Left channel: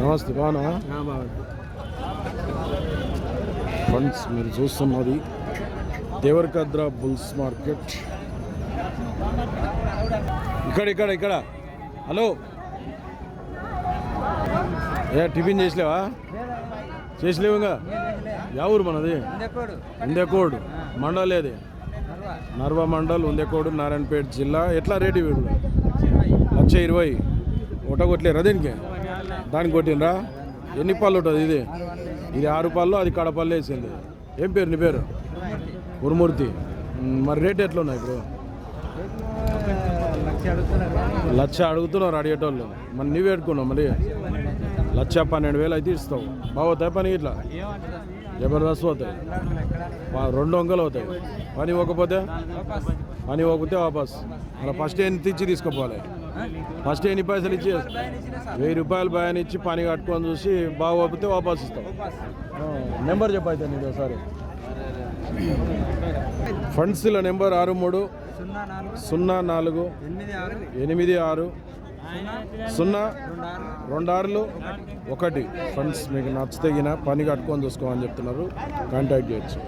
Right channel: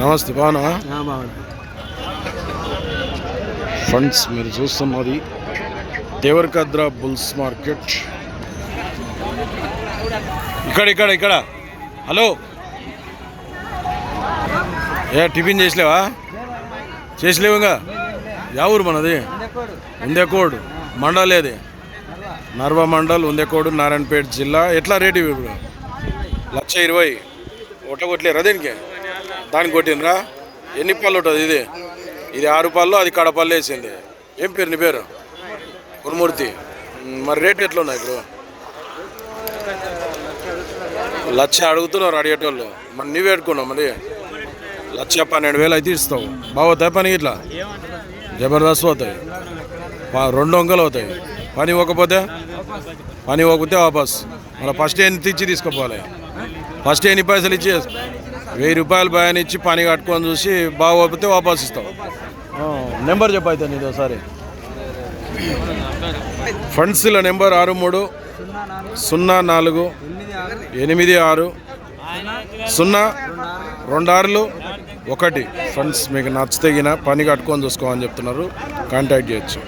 నమస్తే బాగున్నా ఫ్రెండ్స్, మీరు చూస్తున్నది దేవరకద్ర బుల్స్ మార్కెట్. ఇక్కడ హలో, టిఫిన్ చేసలేవా? చేసలేవు ఇంకా. యా ఊరు మనది? ఉందేకోడు మండల్. ఏది? నర్వ మండల్, ఉందేకోడు, నారాయణపేట జిల్లా. ఎట్లా రేటు ఇప్పుడు? 1,20,000. ఒకట కొట్టలేరా దీనికి? దానికి కొట్టినరా? ఎన్ని పళ్ళు ఉంటుంది ఇది? ఇది 6 పళ్ళు, అది కడపళ్ళు వేసింది. ఏం పేరు నీ పేరు? గురుమూర్తి. మరి రేట్ ఎట్లా ఉన్నాయి ఇప్పుడు? 1,00,000 అడుగుతున్నారు అడిగేటోళ్ళు. మరి నువ్వు పెట్టుకున్నావు. మరి 1,12,000 అయితే ఇస్తావు. బాగుతాయి పని? ఇట్లా జబర్దస్త్ అవుతాయి. 2 అంకెలు అవుతాయి. పని ఇవ్వకపోతే వాపస్. మళ్ళీ ఫస్ట్ ఎంత ఇచ్చి తీసుకుపోవాలి? ఫస్ట్ ఎన్ని పైసలు ఇచ్చి 1,000 రూపాయలు భయాన్ని ఇచ్చి పని కట్టుకొని చూసి బాగోకపోతే వాపస్ ఇస్తావు. నెంబర్ చెప్పైతే నీది ఒకసారి. ఫండ్స్ల నెంబర్ 6334860261. ఫ్రెండ్స్, మీకు నచ్చితే పని కట్టుకొని చూసుకోమని చెప్తున్నారు. కాంటాక్ట్ చేయొచ్చు.